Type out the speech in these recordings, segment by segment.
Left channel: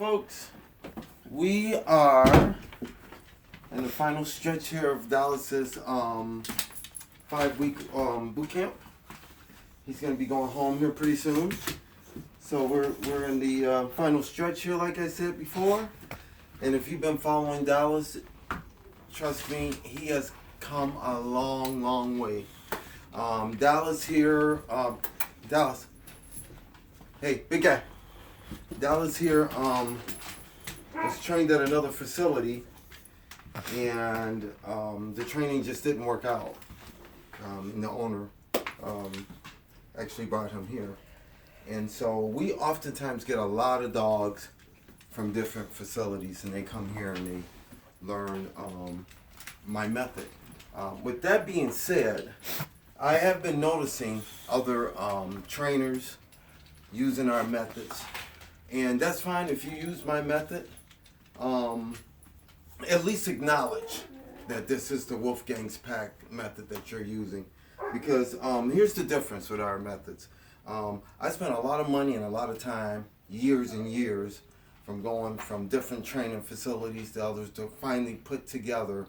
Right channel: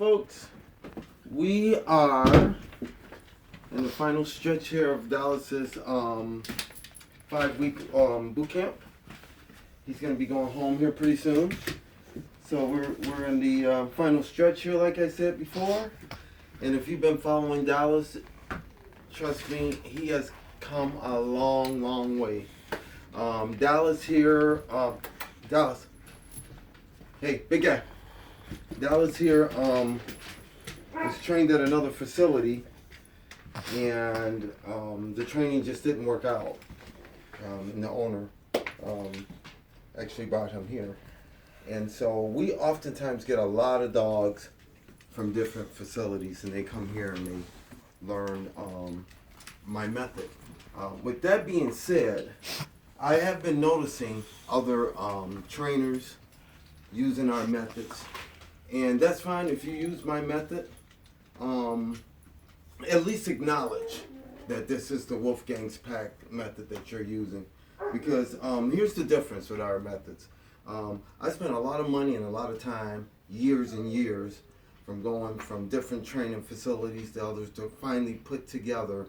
folks, we are in the final stretch here of Dallas's 5-week boot camp. He's going to be going home here pretty soon. So we're in the final stretch here, like I said before. And if you've been following Dallas, trust me, he has come a long, long way. Dallas here, Dallas. Hey, big guy. Dallas here was trained at another facility, and the training just didn't work out. And the owner actually brought him here. And so we oftentimes get a lot of dogs from different facilities, and they come here and they learn my method. With that being said, I have been noticing other trainers using our methods, and that's fine if you use my method. At least acknowledge that this is the Wolfgang's Pack method that you're using, because here's the difference with our methods. I spent a lot of money and a lot of time, years and years, from going from different training facilities to others to finally put together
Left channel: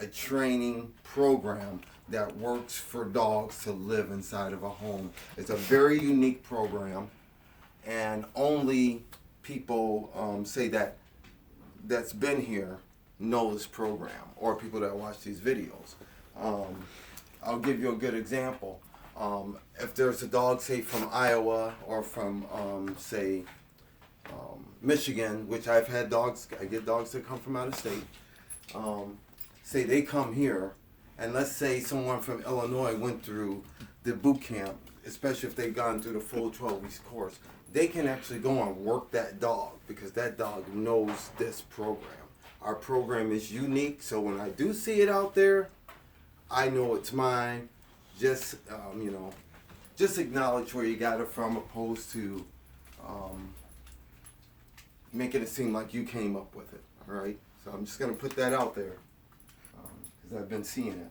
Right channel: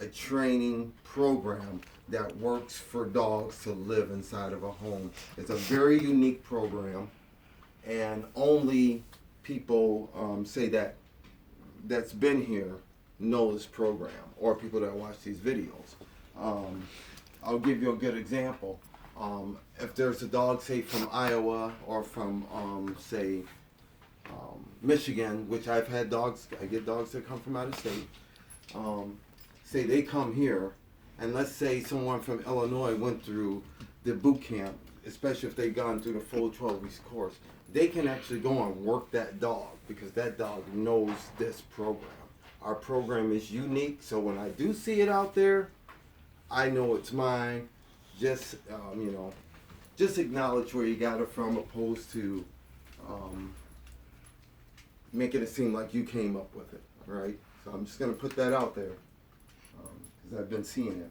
a training program that works for dogs to live inside of a home. It's a very unique program, and only people say that's been here know this program, or people that watch these videos. I'll give you a good example. If there's a dog, say from Iowa or from Michigan, which I've had dogs, I get dogs that come from out of state. Say they come here, and let's say someone from Illinois went through the boot camp, especially if they've gone through the full 12-week course, they can actually go and work that dog because that dog knows this program. Our program is unique, so when I do see it out there, I know it's mine. Just just acknowledge where you got it from, opposed to making it seem like you came up with it. All right, so I'm just gonna put that out there because I've been seeing it.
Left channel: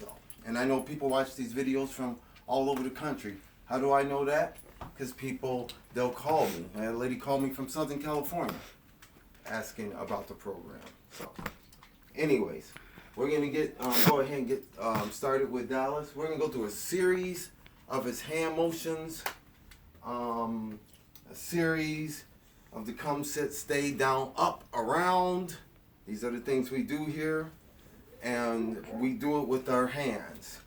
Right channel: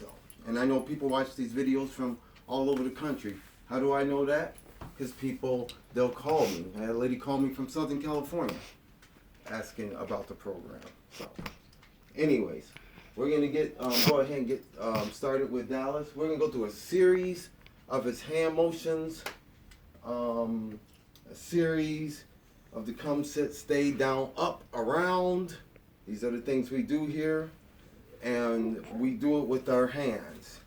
So, and I know people watch these videos from all over the country. How do I know that? Because they'll call me. I had a lady call me from Southern California asking about the program. So, anyways, we're going to go ahead and get started with Dallas. We're going to go through a series of his hand motions, a series of the come, sit, stay, down, up, around. These are the things we do here, and we do it with our hands.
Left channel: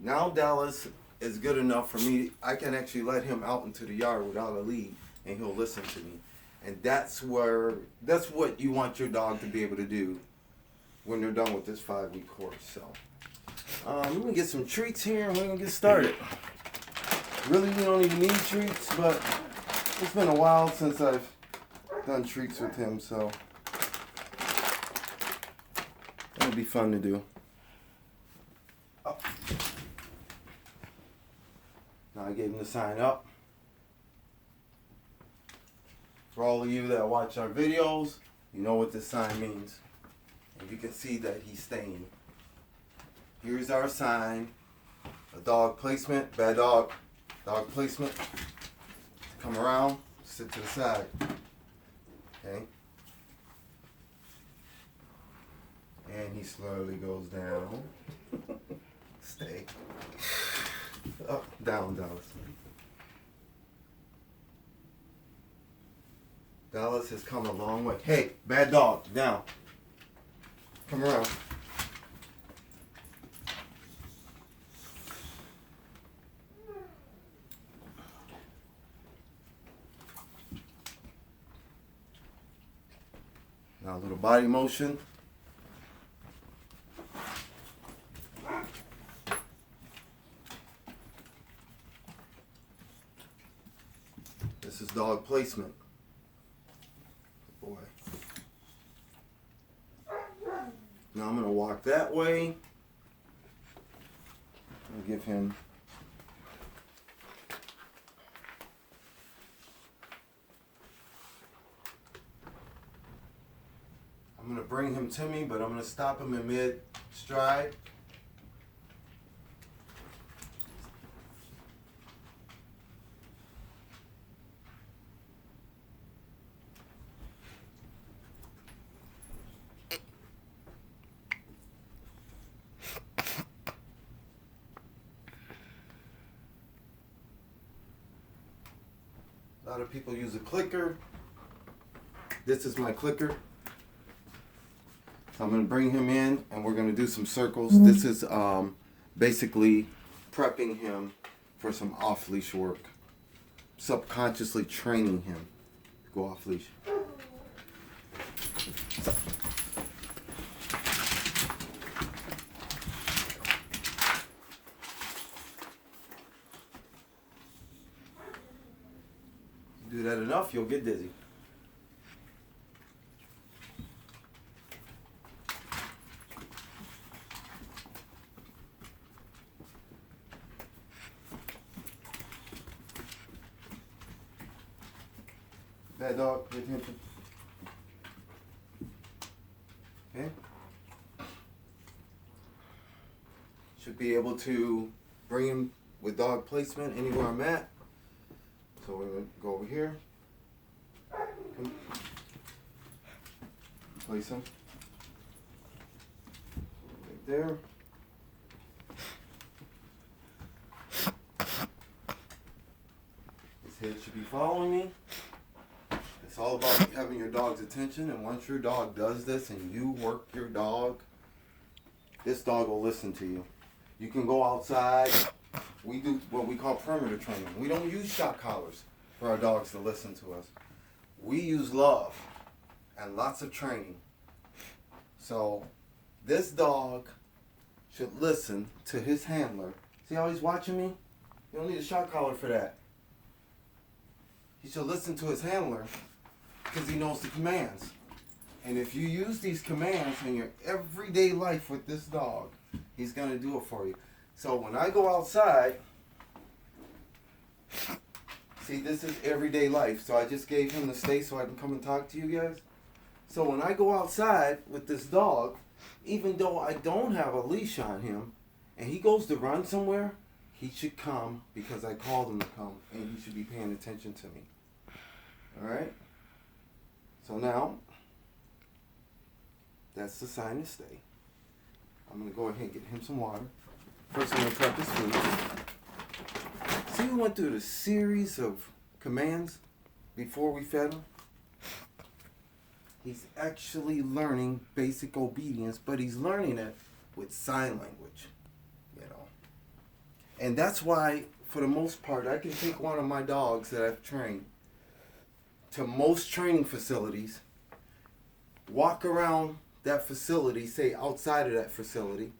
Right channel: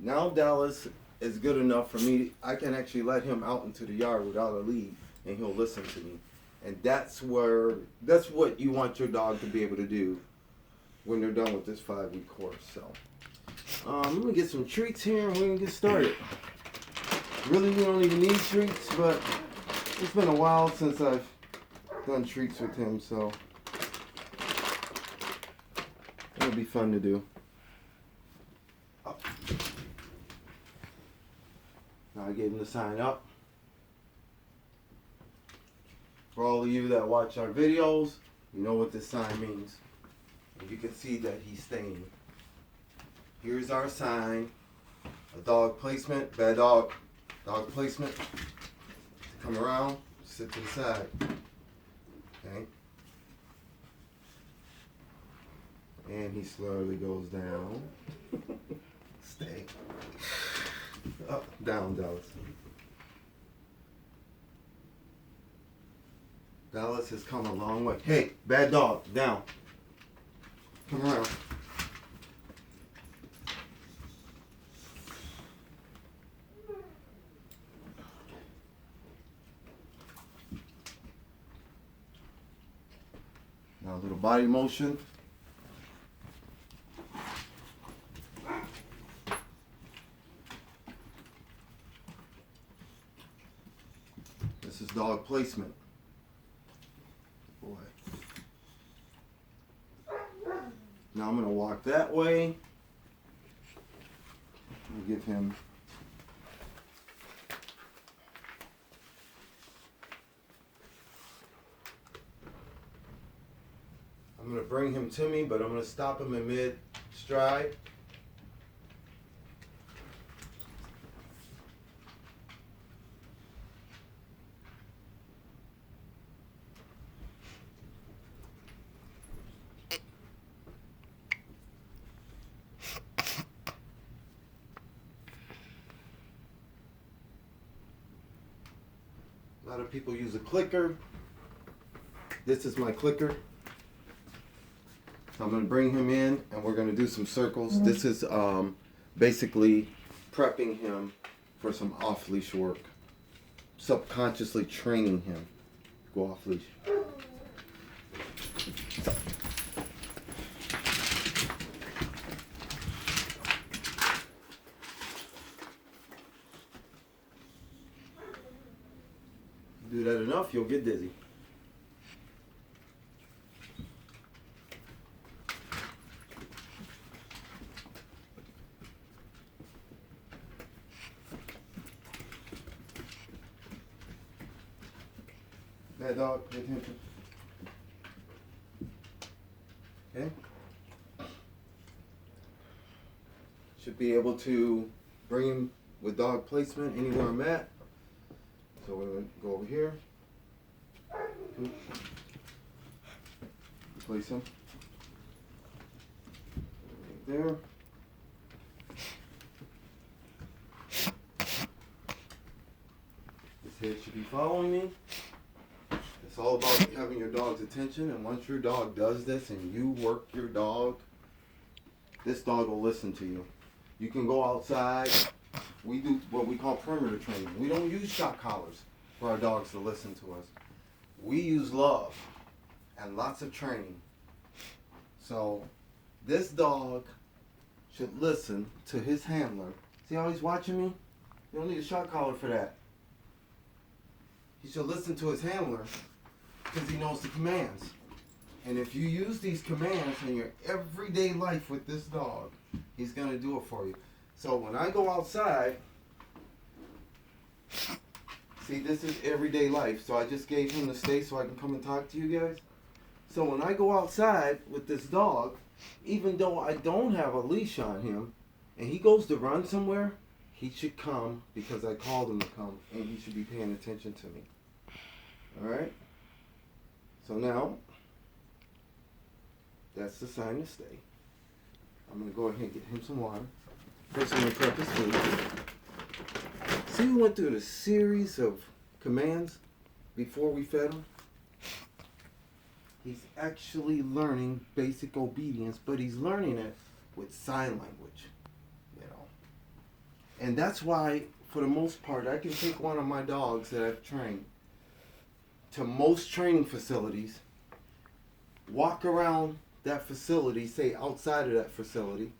Now Dallas is good enough for me. I can actually let him out into the yard without a lead, and he'll listen to me. And that's what you want your dog to be able to do when they're done with this 5-week course. So I'm gonna get some treats here, and we're gonna get started. Really, we don't even need treats, but it's been a while since I've done treats with him, so it'll be fun to do. Up. Now I gave him the sign up. For all of you that watch our videos, you know what this sign means. And you can see that he's staying. Here's our sign. A dog placement, bad dog. Dog placement. Come around, sit to the side. Okay. And he slowly goes down. Stay. Up, down, Dallas. Dallas has come a long way. Hey, bad dog, down. Come around. Now a little body motion. This is dog placement. Boy. Now I'm going to walk that way. I'll give him I'm going to bring him to me, but I'm going to stop him in mid-stride. A lot of people use a clicker. This is my clicker. So I'm going to bring him in and we're going to do some circles. This is basically prepping him for some off-leash work. Subconsciously training him to go off-leash. Do that enough, you'll get dizzy. Bad dog, pay attention. Okay. Should be able to bring him with dog placement anywhere I'm at. So we're going to go over here. Okay. Place him. Right there. His head should be following me. It's all about having your dog's attention, and once your dog does this and you work your dog, this dog will listen to you. You can go outside. We do what we call perimeter training. We don't use shock collars for our dogs to listen to us. We use love and lots of training. So this dog should listen to his handler. See how he's watching me? You don't need a shock collar for that. He should listen to his handler because he knows the commands. And if you use these commands in your everyday life with this dog, he's going to do it for you. So when I go outside, see, this is everyday life. So I just gave him the stay so I can come and talk to you guys. So when I go outside with this dog, even though I don't have a leash on him, and he goes to run somewhere, he should come because I called him to come, and he should be paying attention to me. All right? So now, that's the sign to stay. I'm going to go ahead and get him some water. First, I'm going to prep his food. See, we went through the series of commands before we fed him. He's actually learning basic obedience, but he's learning it with sign language, you know. And that's why, for the most part, I can take one of my dogs that I've trained to most training facilities, walk around that facility, say outside of that facility,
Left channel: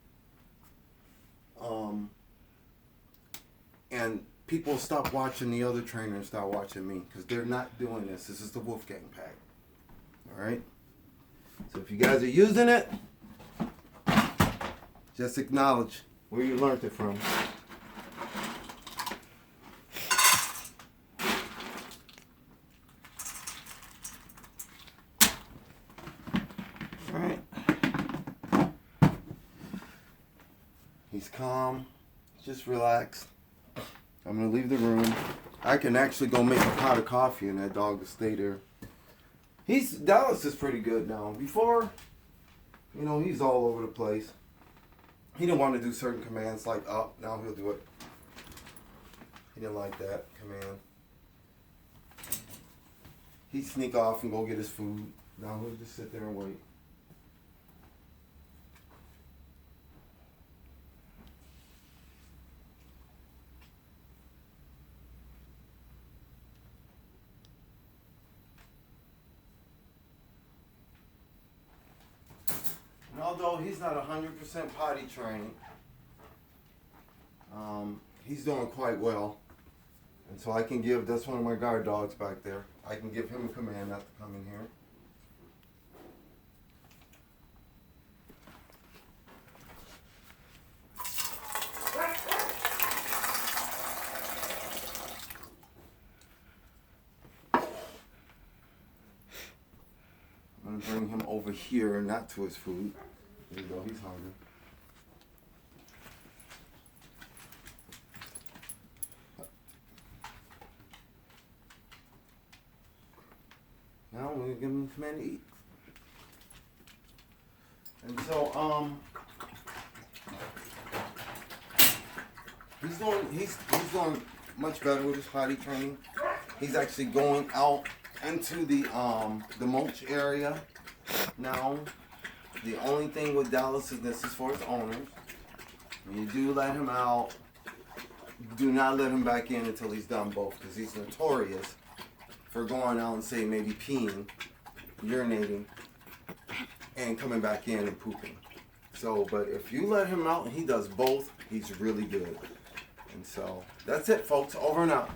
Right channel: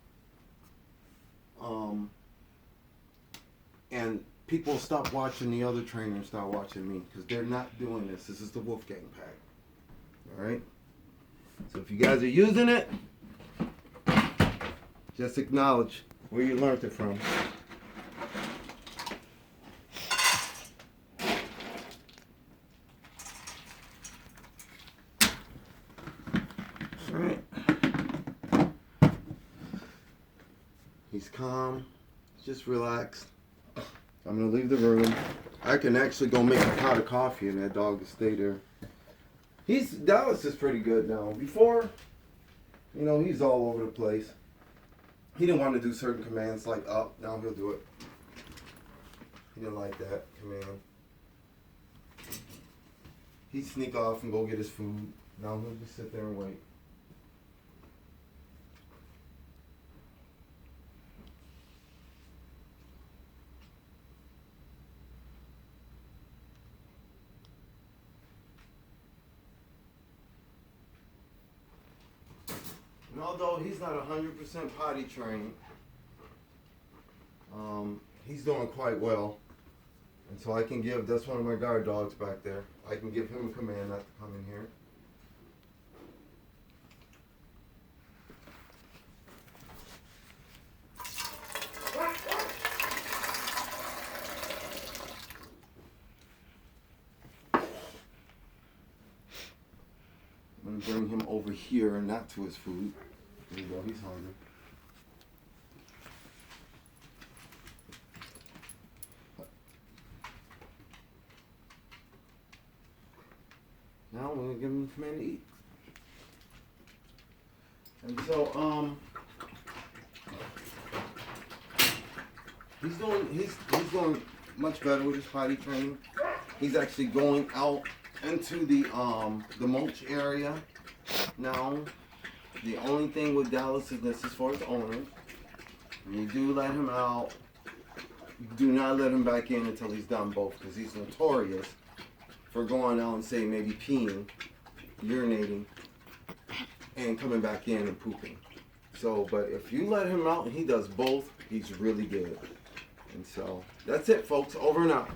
and people stop watching the other trainer and start watching me because they're not doing this. This is the Wolfgang pack. All right? So if you guys are using it, just acknowledge where you learned it from. All right. He's calm, just relaxed. I'm gonna leave the room. I can actually go make a pot of coffee and that dog will stay there. Dallas is pretty good now. Before, you know, he's all over the place. He didn't want to do certain commands like up. Now he'll do it. He didn't like that command. He'd sneak off and go get his food. Now he'll just sit there and wait. And although he's not 100% potty trained, he's doing quite well. And so I can give, that's one of my guard dogs back there. I can give him a command not to come in here. I'm going to bring him over here and not to his food. There you go, he's hungry. Now I'm going to give him something to eat. And so, he's doing much better with his potty training. He's actually going out into the mulch area now. The only thing with Dallas is this is for his owners. You do let him out. Do not let him back in until he's done both, because he's notorious for going out and say maybe peeing, urinating, and coming back in and pooping. So, but if you let him out and he does both, he's really good. And so that's it, folks. Over and out.